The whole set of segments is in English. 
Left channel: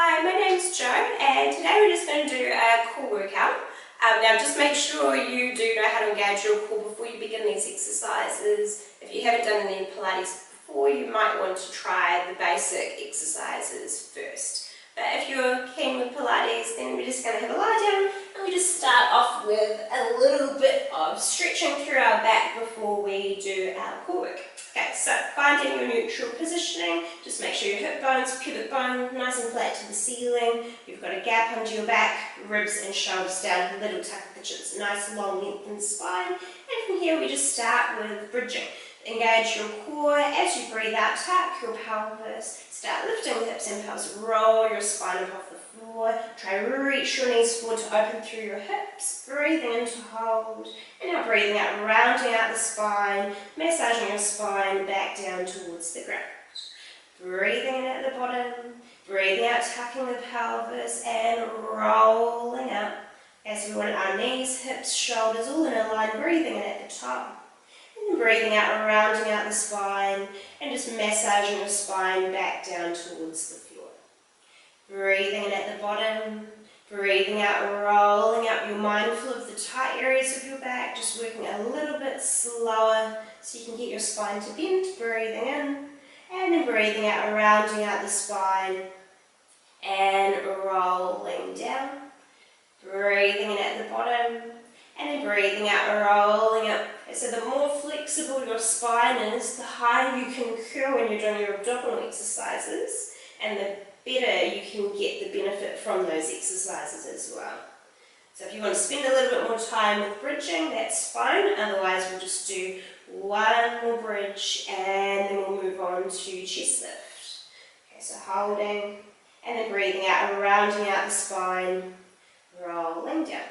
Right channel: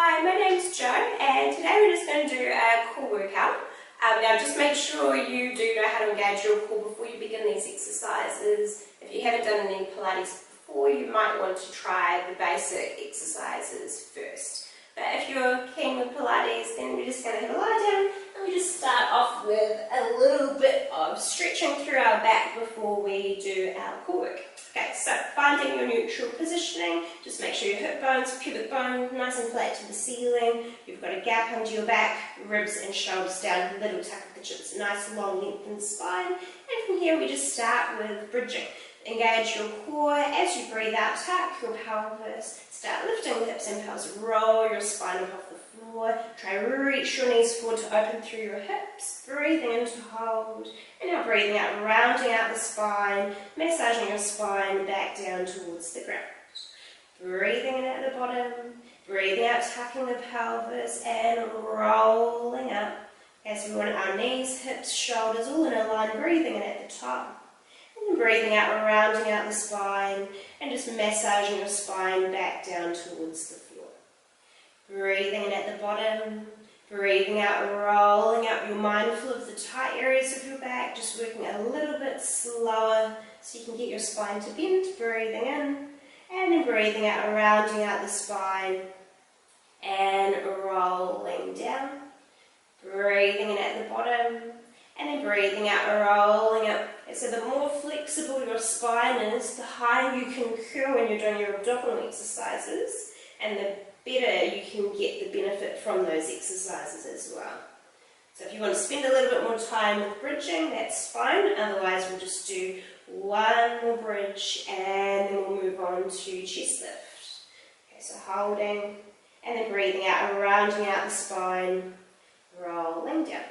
Hi, my name's Jo, and today we're just going to do a core workout. Now just make sure you do know how to engage your core before you begin these exercises. If you haven't done any Pilates before, you might want to try the basic exercises first. But if you're keen with Pilates, then we're just going to have a lie down and we just start off with a little bit of stretching through our back before we do our core work. Okay, so finding your neutral positioning, just make sure your hip bones, pubic bone, nice and flat to the ceiling. You've got a gap under your back, ribs and shoulders down, a little tuck of the chins, nice long lengthened spine. And from here we just start with bridging. Engage your core as you breathe out, tuck your pelvis, start lifting the hips and pelvis, roll your spine up off the floor, try to reach your knees forward to open through your hips, breathing in to hold, and now breathing out, rounding out the spine, massaging your spine back down towards the ground. Breathing in at the bottom, breathing out, tucking the pelvis and rolling up as we want our knees, hips, shoulders all in a line, breathing in at the top. And breathing out, rounding out the spine and just massaging your spine back down towards the floor. Breathing in at the bottom, breathing out, rolling up. You're mindful of the tight areas of your back, just working a little bit slower so you can get your spine to bend. Breathing in and then breathing out, rounding out the spine and rolling down. Breathing in at the bottom and then breathing out, rolling up. So the more flexible your spine is, the higher you can curl when you're doing your abdominal exercises, and the better you can get the benefit from those exercises as well. So if you want to spend a little bit more time with bridging, that's fine. Otherwise we'll just do one more bridge and then we'll move on to chest lift. Okay, so holding and then breathing out, rounding out the spine, rolling down.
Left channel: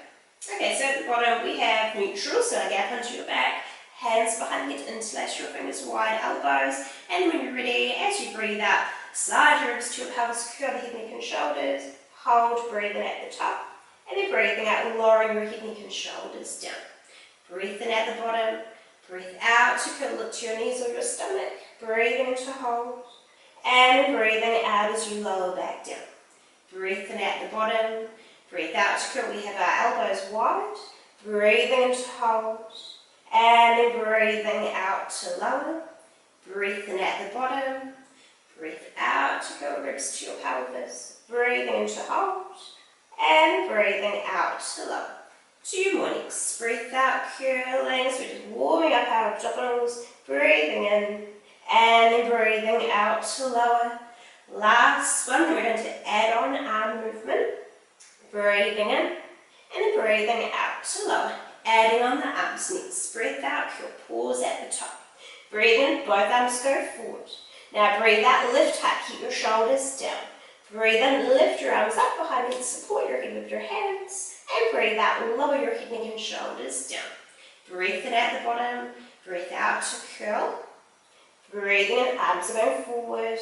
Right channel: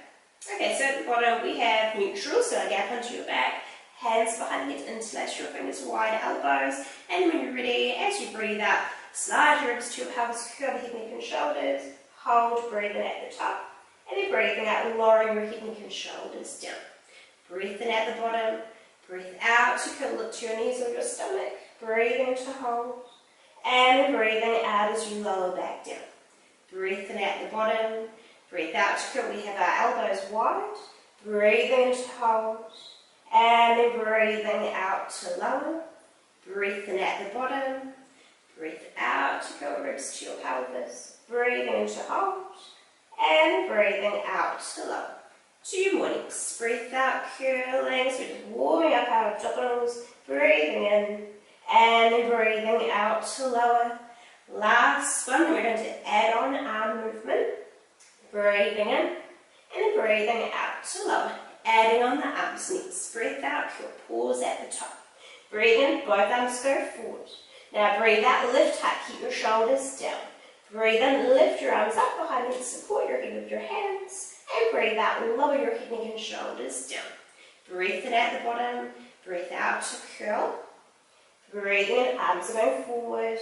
Okay, so at the bottom we have neutral, so a gap onto your back, hands behind the head, interlace your fingers, wide elbows, and when you're ready, as you breathe out, slide your ribs to your pelvis, curl the head, neck and shoulders, hold, breathing at the top, and then breathing out, lowering your head, neck and shoulders down. Breathe in at the bottom, breathe out to curl, look to your knees or your stomach, breathing to hold, and breathing out as you lower back down. Breathe in at the bottom, breathe out to curl, we have our elbows wide, breathing in to hold, and then breathing out to lower, breathe in at the bottom, breathe out to curl ribs to your pelvis, breathing in to hold, and breathing out to lower. 2 more next, breathe out, curling, so we're just warming up our abdominals, breathing in, and then breathing out to lower. Last one, we're going to add on arm movement. Breathing in and then breathing out to lower. Adding on the arms next. Breathe out, curl, pause at the top. Breathe in, both arms go forward. Now breathe out, lift high, keep your shoulders down. Breathe in, lift your arms up behind you, support your head with your hands. And breathe out, lower your head, neck and shoulders down. Breathe in at the bottom, breathe out to curl. Breathing in, arms are going forward.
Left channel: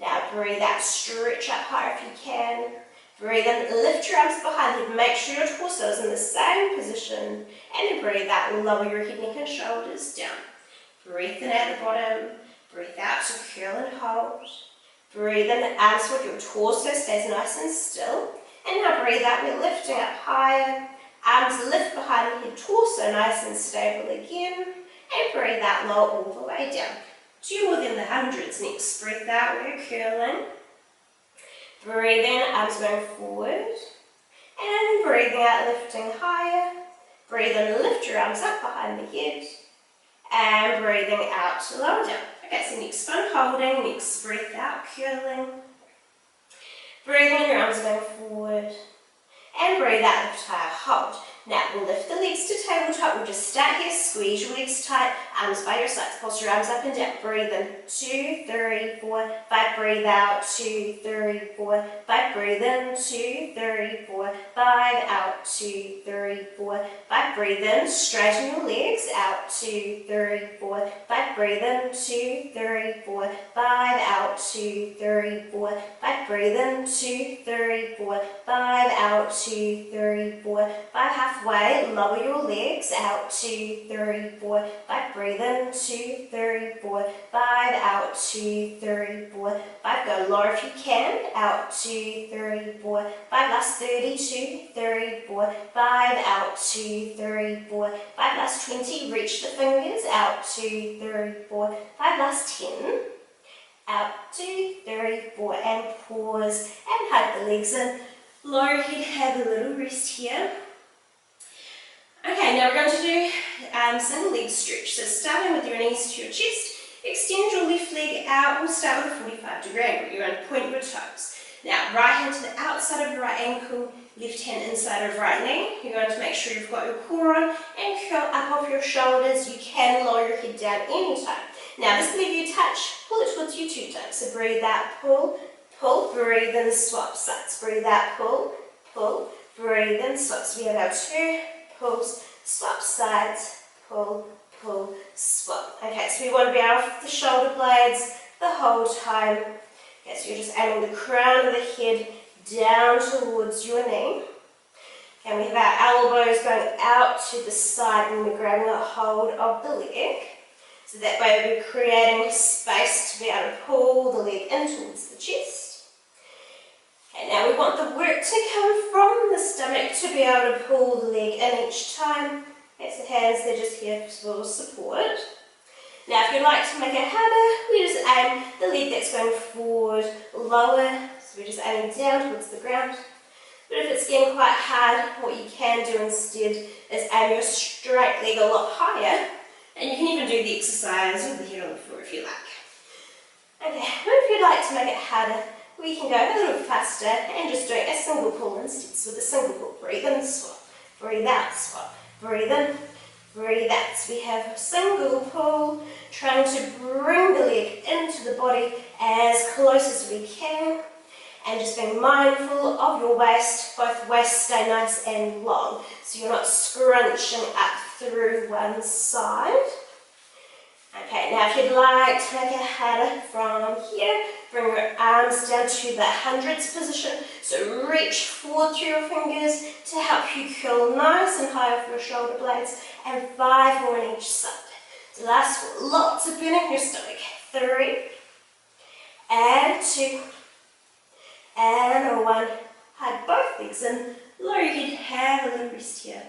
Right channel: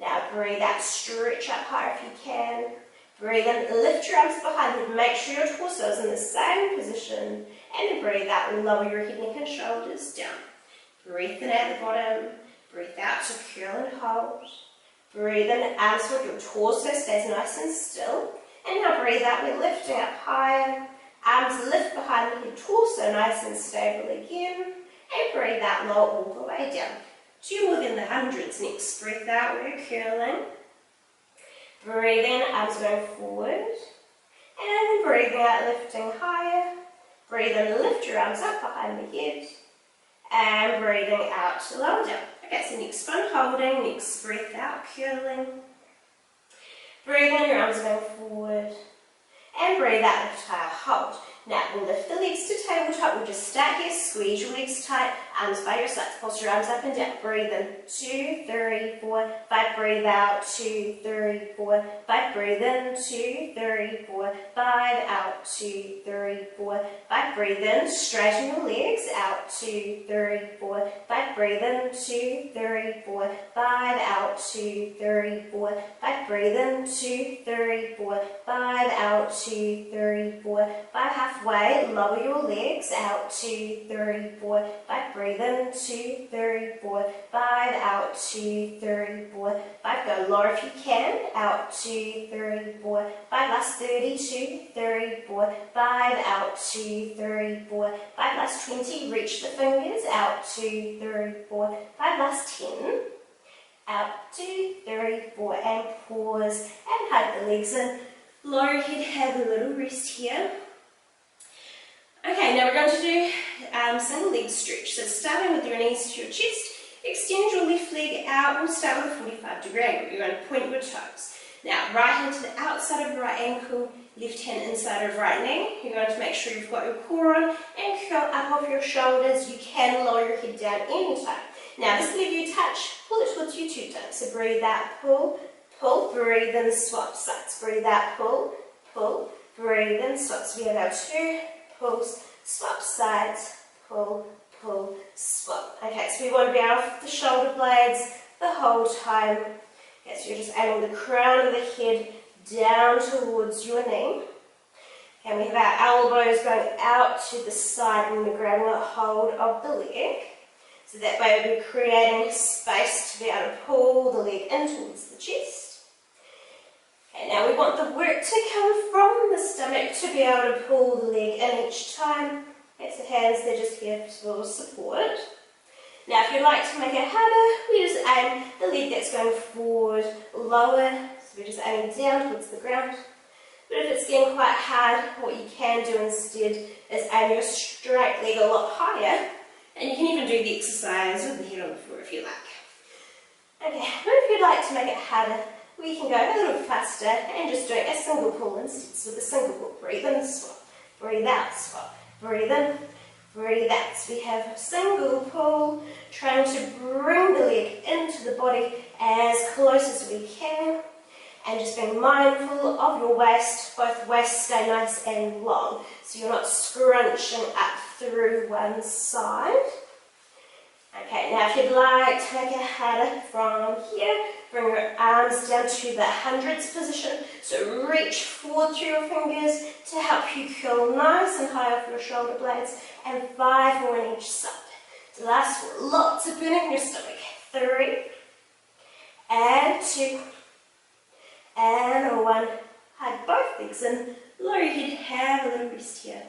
Now breathe out, stretch up higher if you can. Breathe in, lift your arms behind you, make sure your torso is in the same position, and then breathe out, lower your head, neck and shoulders down. Breathe in at the bottom, breathe out to curl and hold. Breathe in, arms forward, your torso stays nice and still. And now breathe out, we're lifting up higher, arms lift behind the head, torso nice and stable again, and breathe out, lower all the way down. 2 more than the hundreds next, breathe out, we're curling. Breathe in, arms going forward, and then breathing out, lifting higher. Breathe in, lift your arms up behind the head, and breathing out to lower down. Okay, so next one, holding, next breath out, curling. Breathing in, your arms are going forward, and breathe out, lift higher, hold. Now we'll lift the legs to tabletop. We'll just start here, squeeze your legs tight, arms by your sides, pulse your arms up and down. Breathe in, 2, 3, 4, 5, breathe out, 2, 3, 4, 5, breathe in, 2, 3, 4, 5, out, 2, 3, 4, 5, breathe in, straighten your legs, out, 2, 3, 4, 5, breathe in, 2, 3, 4, 5, out, 2, 3, 4, 5, breathe in, 2, 3, 4, 5, out, 2, 3, 4, 5, halfway, lower your legs, out, 2, 3, 4, 5, breathe breathe in, 2, 3, 4, 5, out, 2, 3, 4, 5, go lower if you can, out, 2, 3, 4, 5, last 30, 2, 3, 4, 5, out, 2, 3, 4, 5, last 20, reach the fingers, out, 2, 3, 4, 5, last 10, out, 2, 3, 4, and pause, and hug the legs in, lower your head, have a little rest here. Okay, now we're going to do single leg stretch. So starting with your knees to your chest, extend your left leg out. We'll start with a 45-degree angle. You're going to point your toes. Now, right hand to the outside of your right ankle, left hand inside of right knee. You're going to make sure you've got your core on and curl up off your shoulders. You can lower your head down anytime. Now, this leg you touch, pull it towards you 2 times. So breathe out, pull, pull, breathe in, swap sides. Breathe out, pull, pull, breathe in, swap. So we have our 2 pulls, swap sides, pull, pull, swap. Okay, so we want to be off the shoulder blades the whole time. Okay, so you're just aiming the crown of the head down towards your knee. And we have our elbows going out to the side and we're grabbing a hold of the leg. So that way we're creating space to be able to pull the leg in towards the chest. Okay, now we want the work to come from the stomach to be able to pull the leg in each time. Okay, so hands, they're just here for support. Now if you'd like to make it harder, we just aim the leg that's going forward lower. So we're just aiming down towards the ground. But if it's getting quite hard, what you can do instead is aim your straight leg a lot higher. And you can even do the exercise with the head on the floor if you like. Okay, but if you'd like to make it harder, we can go a little faster and just do a single pull instead. So with a single pull, breathe in, swap, breathe out, swap, breathe in, breathe out. So we have a single pull, trying to bring the leg into the body as close as we can, and just being mindful of your waist. Both waists stay nice and long, so you're not scrunching up through one side. Okay, now if you'd like to make it harder from here, bring your arms down to the hundreds position. So reach forward through your fingers to help you curl nice and high off your shoulder blades, and 5 more on each side. So last 4, lots of burning in your stomach. 3, and 2, and 1. Hug both legs in, lower your head, have a little rest here.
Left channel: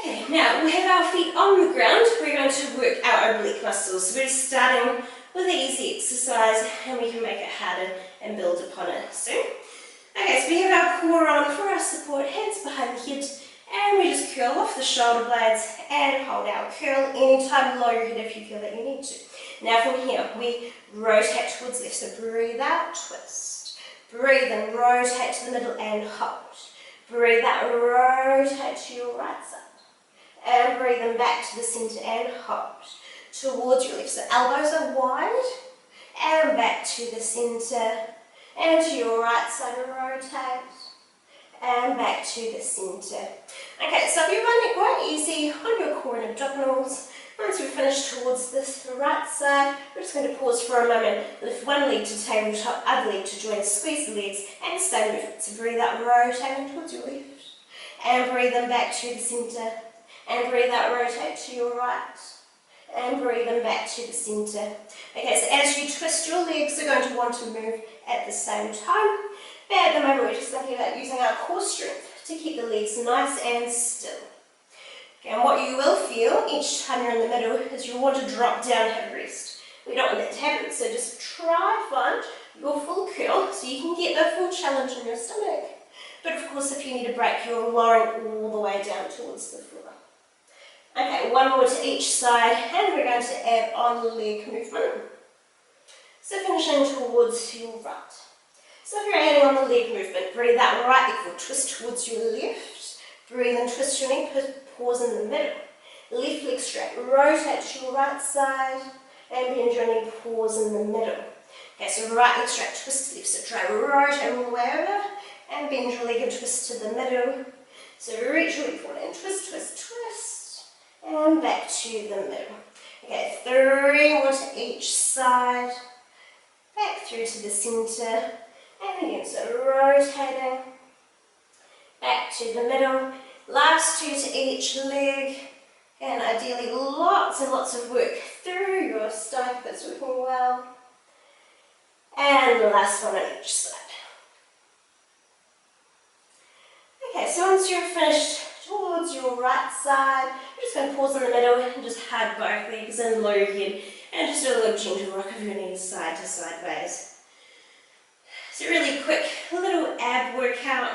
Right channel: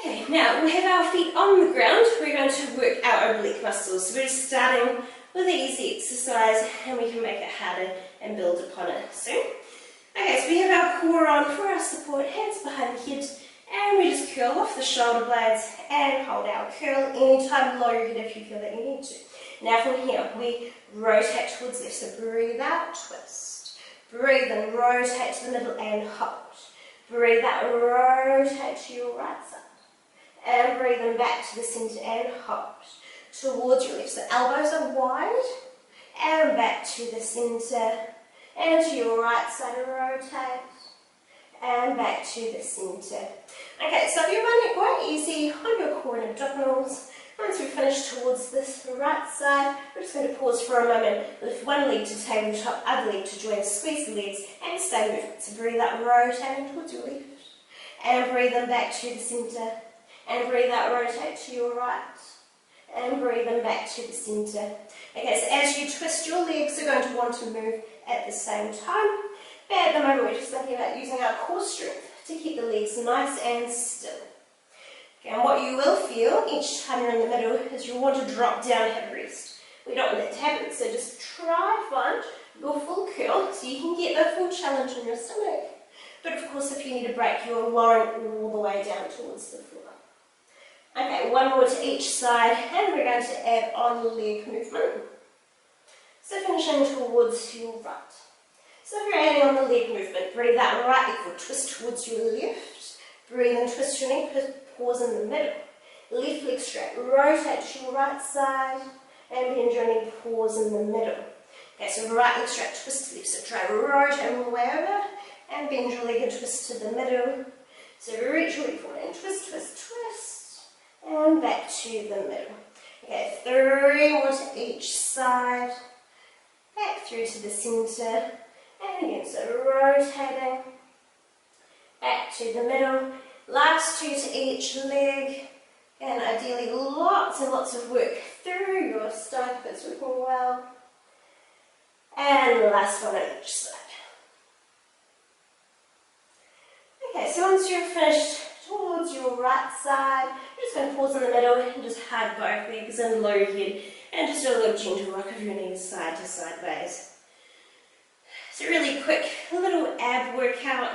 Okay, now we have our feet on the ground. We're going to work our oblique muscles. So we're just starting with an easy exercise and we can make it harder and build upon it soon. Okay, so we have our core on for our support, hands behind the head, and we just curl off the shoulder blades and hold our curl. Anytime lower your head if you feel that you need to. Now from here, we rotate towards left. So breathe out, twist. Breathe in, rotate to the middle and hold. Breathe out, rotate to your right side. And breathe in back to the centre and hold towards your left. So elbows are wide and back to the centre and to your right side, rotate and back to the centre. Okay, so if you're finding it quite easy on your core and abdominals, once we've finished towards this right side, we're just going to pause for a moment, lift one leg to tabletop, other leg to join, squeeze the legs and stay moving. So breathe out, rotating towards your left and breathe in back to the centre. And breathe out, rotate to your right, and breathe in back to the centre. Okay, so as you twist, your legs are going to want to move at the same time. But at the moment, we're just thinking about using our core strength to keep the legs nice and still. Okay, and what you will feel each time you're in the middle is you'll want to drop down and have a rest. We don't want that to happen, so just try and find your full curl so you can get the full challenge in your stomach. But of course, if you need a break, you're lowering all the way down towards the floor. Okay, 1 more to each side, and we're going to add on leg movement. So finishing towards your right. So if you're adding on the leg movement, breathe out, right leg forward, twist towards your left. Breathe in, twist your knee, pause in the middle. Left leg straight, rotate to your right side, and bend your knee, pause in the middle. Okay, so right leg straight, twist to the left, so try rotate all the way over, and bend your leg and twist to the middle. So reach your leg forward and twist, twist, twist. And back to the middle. Okay, 3 more to each side. Back through to the centre. And again, so rotating. Back to the middle. Last 2 to each leg. And ideally lots and lots of work through your stomach if it's working well. And the last one on each side. Okay, so once you're finished towards your right side, you're just going to pause in the middle and just hug both legs and low head and just do a little gentle rock of your knees side to sideways. So really quick little ab workout